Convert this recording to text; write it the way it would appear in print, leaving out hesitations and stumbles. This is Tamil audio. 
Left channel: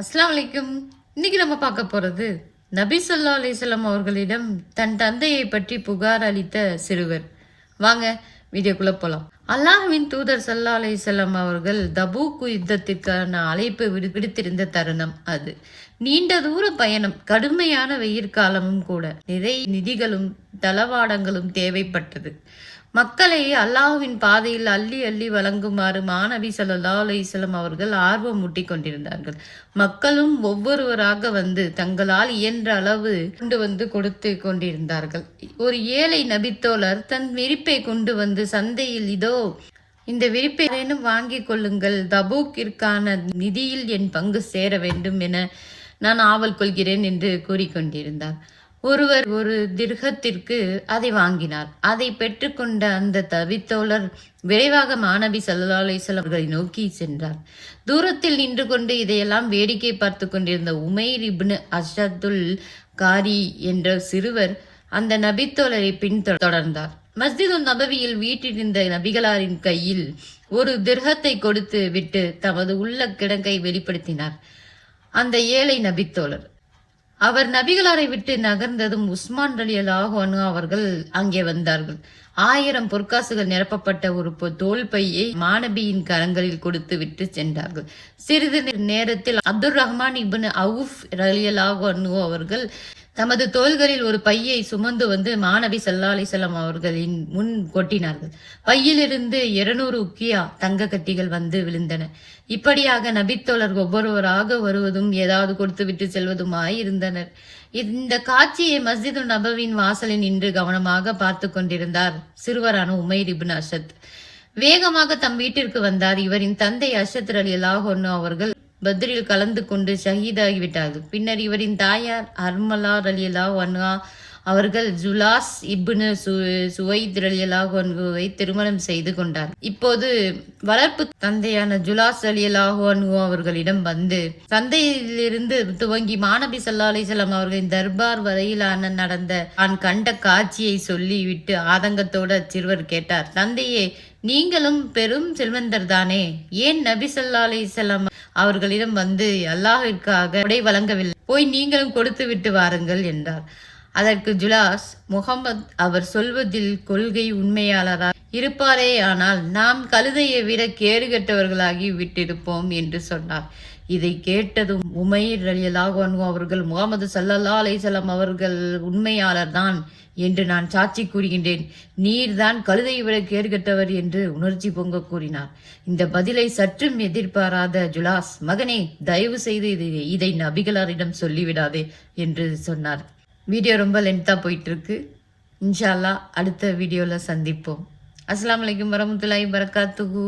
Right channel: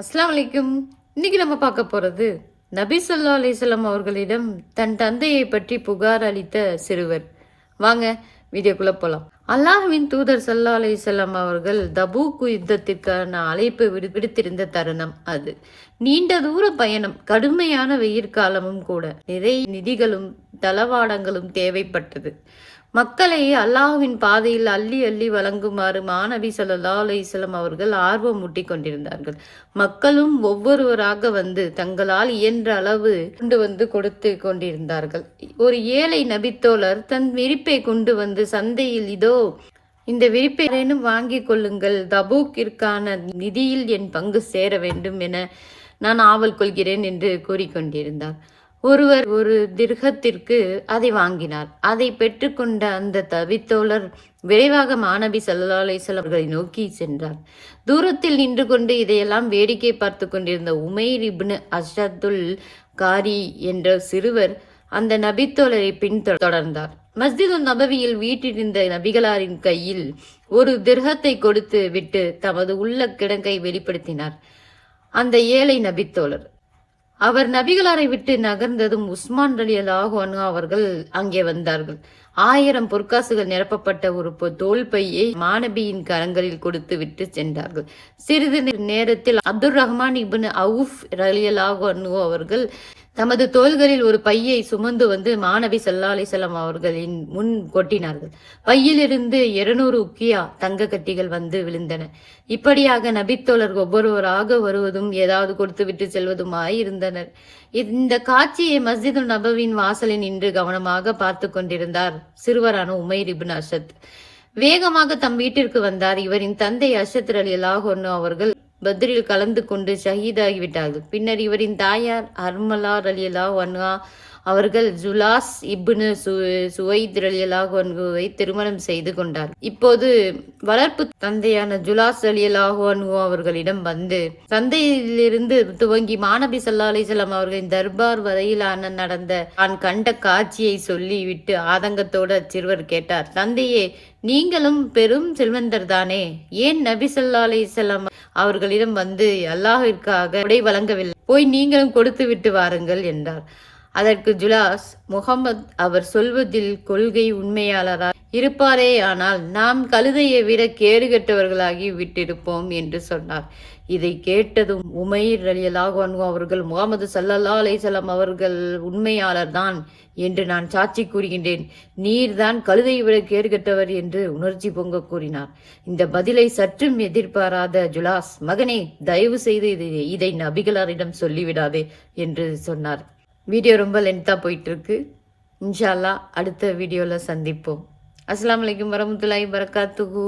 அஸ்ஸலாமு அலைக்கும். இன்னைக்கு நம்ம பார்க்க போறது நபி ஸல்லல்லாஹு அலைஹி வஸல்லம் அவர்களிடம் தன் தந்தையை பற்றி புகார் அளித்த சிறுவர். வாங்க வீடியோக்குள்ள போலாம். அல்லாஹ்வின் தூதர் ஸல்லல்லாஹு அலைஹி வஸல்லம் அவர்கள் தபூக் யுத்தத்திற்கான அழைப்பு விடுத்திருந்த தருணம் அது. நீண்ட தூர பயணம், கடுமையான வெயிற்காலமும் கூட, நிறைய நிதிகளும் தளவாடங்களும் தேவைப்பட்டது. மக்களை அல்லாஹ்வின் பாதையில் அள்ளி அள்ளி வழங்குமாறு மாநபி ஸல்லல்லாஹு அலைஹி வஸல்லம் அவர்கள் ஆர்வம் ஊட்டிக் கொண்டிருந்தார்கள். மக்களும் ஒவ்வொருவராக வந்து தங்களால் இயன்ற அளவு கொண்டு வந்து கொடுத்து கொண்டிருந்தார்கள். ஒரு ஏழை நபித்தோழர் தன் விரிப்பை கொண்டு வந்து சந்தையில், இதோ இந்த விரிப்பை வாங்கிக் கொள்ளுங்கள், தபூக்கிற்கான நிதியில் என் பங்கு சேர வேண்டும் என நான் ஆவல் கொள்கிறேன் என்று கூறிக்கொண்டிருந்தார். ஒருவர் ஒரு திர்ஹத்திற்கு அதை வாங்கினார். அதை பெற்றுக்கொண்ட அந்த தவித்தோழர் விரைவாக மாநபி ஸல்லல்லாஹு அலைஹி வஸல்லம் அவர்களை நோக்கி சென்றார். தூரத்தில் நின்று கொண்டு இதையெல்லாம் வேடிக்கை பார்த்து கொண்டிருந்த உமைர் இப்னு அஷத்துல் காரி என்ற சிறுவர் அந்த நபித்தோழரை பின்தொடர்ந்தார். மஸ்ஜிது நபவியில் வீட்டிருந்த நபிகளாரின் கையில் ஒரு திர்ஹத்தை கொடுத்து விட்டு தமது உள்ள கிடங்கை வெளிப்படுத்தினார் அந்த ஏழை நபித்தோழர். அவர் நபிகளாரை விட்டு நகர்ந்ததும் உஸ்மான் ரலியல்லாஹு அன்ஹு அவர்கள் அங்கே வந்தார்கள். 1000 பொற்காசுகள் நிரப்பப்பட்ட ஒரு தோல் பையை மாநபியின் கரங்களில் கொடுத்து விட்டு சென்றார்கள். சிறிது நேரத்தில் அப்துர் ரஹ்மான் இப்னு அவுஃப் ரலியல்லாஹு அன்ஹு அவர்கள் தமது தோள்களில் ஒரு பையை சுமந்து வந்து மாநபி ஸல்லல்லாஹு அலைஹி வஸல்லம் அவர்களின் முன் கொட்டினார்கள். பையிலிருந்து 200 உக்கியா தங்க கட்டிகள் வந்து விழுந்தன. இப்படியாக நபித்தோழர் ஒவ்வொருவராக வருவதும் ஏதாவது கொடுத்து விட்டு செல்வதுமாய் இருந்தனர். இந்த காட்சியை மஸ்ஜிது நபவின் வாசலில் நின்று கவனமாக பார்த்து கொண்டிருந்தார் சிறுவரான உமைர் இப்னு அஷத். வேகமாக தம் வீட்டிற்கு வந்தார். இவரின் தந்தை அஷத் ரலியல்லாஹு அன்ஹு அவர்கள் பத்ரில் கலந்து கொண்டு ஷஹீதாகிவிட்டார்கள். பின்னர் இவரின் தாயார் ஹர்மலா ரலியல்லாஹு அன்ஹா அவர்கள் ஜுலாஸ் இப்னு சுவைத் ரலியல்லாஹு அன்ஹுவை திருமணம் செய்து கொண்டார். இப்போது வளர்ப்பு தந்தையான ஜுலாஸ் ரலியல்லாஹு அன்ஹு அவர்களிடம் வந்து தந்தையிலிருந்து துவங்கி மாநபி ஸல்லல்லாஹு அலைஹி வஸல்லம் அவர்களின் தர்பார் வரையிலான நடந்த தான் கண்ட காட்சியை சொல்லிவிட்டு ஆதங்கத்தோடு அச்சிறுவர் கேட்டார், தந்தையே, நீங்களும் பெரும் செல்வந்தர் தானே, ஏன் நபி ஸல்லல்லாஹு அலைஹி வஸல்லம் அவர்களிடம் வந்து அல்லாஹ்விற்காக உடை வழங்கவில்லை? போய் நீங்களும் கொடுத்து விட்டு வாருங்கள் என்றார். அதற்கு ஜுலாஸ், முகமது அவர் சொல்வதில் கொள்கை உண்மையாளராக இருப்பாரே, ஆனால் நாம் கழுதையை விட கேடுகட்டவர்களாகி விட்டிருப்போம் என்று சொன்னார். இதை கேட்டதும் உமைர் ரலியல்லாஹு அன்ஹு அவர்கள், முகமது ஸல்லல்லாஹு அலைஹி வஸல்லம் அவர்கள் உண்மையாளர் தான் என்று நான் சாட்சி கூறுகின்றேன், நீர்தான் கழுதையை விட கேடுகட்டவர் என்று உணர்ச்சி பொங்க கூறினார். இந்த பதிலை சற்றும் எதிர்பாராத ஜுலாஸ், மகனே, தயவு செய்து இதை நபிகளாரிடம் சொல்லிவிடாதே என்று சொன்னார். வீடியோ ரொம்ப லென்த்தாக போயிட்டு இருக்கு. இன்ஷா அல்லாஹ் அடுத்த வீடியோவில் சந்திப்போம். அஸ்ஸலாமு அலைக்கும் வரஹ்மத்துல்லாஹி வபரகாத்துஹு.